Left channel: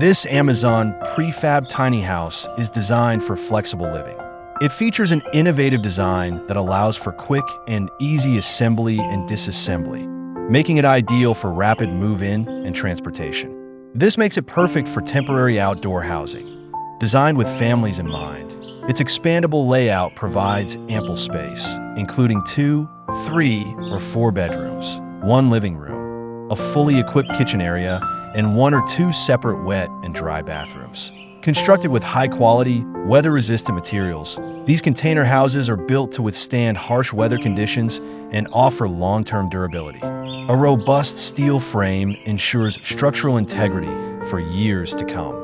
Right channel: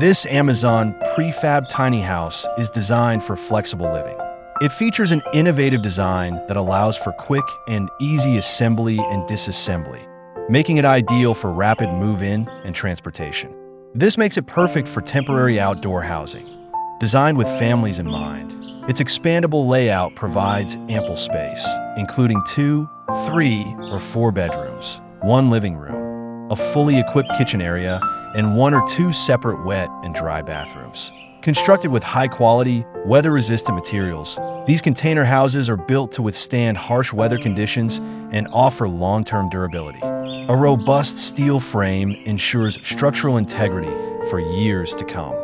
This Amazon Prefab Tiny House is designed for flexible living. It features an innovative design that allows for quick and easy assembly and disassembly, making it ideal for rapid move-in and transportation. This makes it perfect for temporary outdoor housing. Designed with families in mind, its expandable layout provides ample space, including 2, 3, or 4 bedrooms, 1 living room, a fully equipped kitchen area, and 1 or 2 separate wet and dry bathrooms. Constructed with high-quality, weather-resistant materials, these container houses are built to withstand harsh weather conditions and offer long-term durability. A robust steel frame ensures structural integrity for years to come.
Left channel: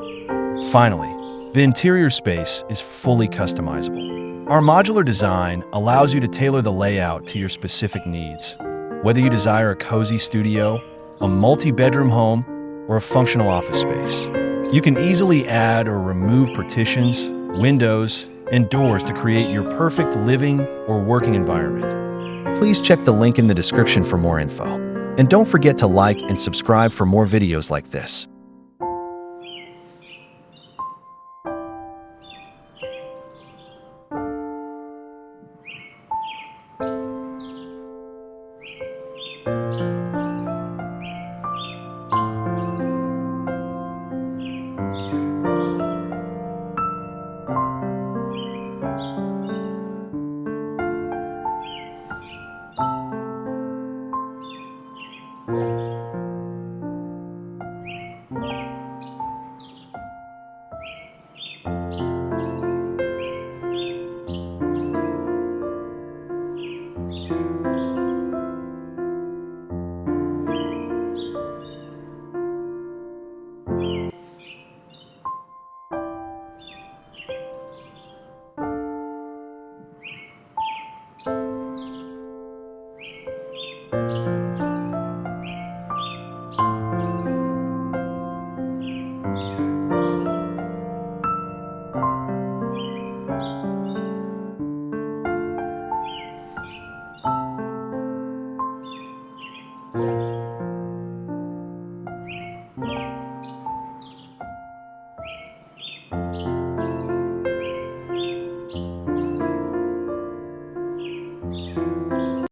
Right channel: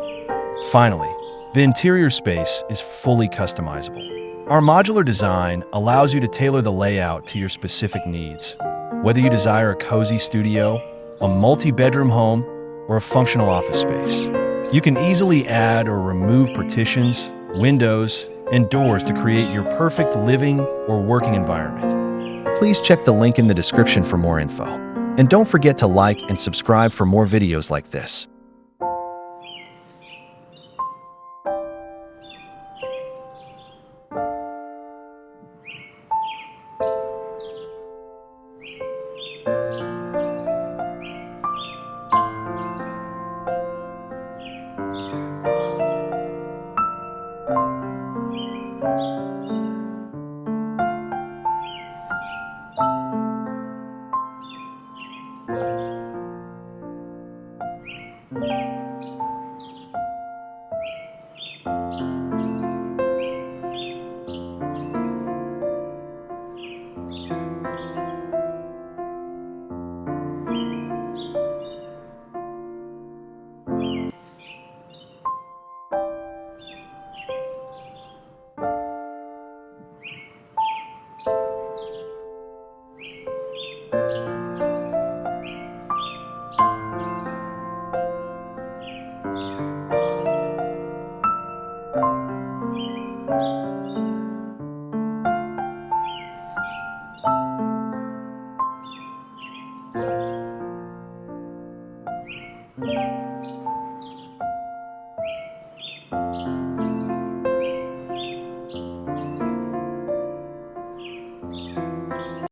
Finally, the interior space is fully customizable. Our modular design allows you to tailor the layout to your specific needs, whether you desire a cozy studio, a multi-bedroom home, or a functional office space. You can easily add or remove partitions, windows, and doors to create your perfect living or working environment. Please check the link in the description for more info. And don't forget to like and subscribe for more videos like this.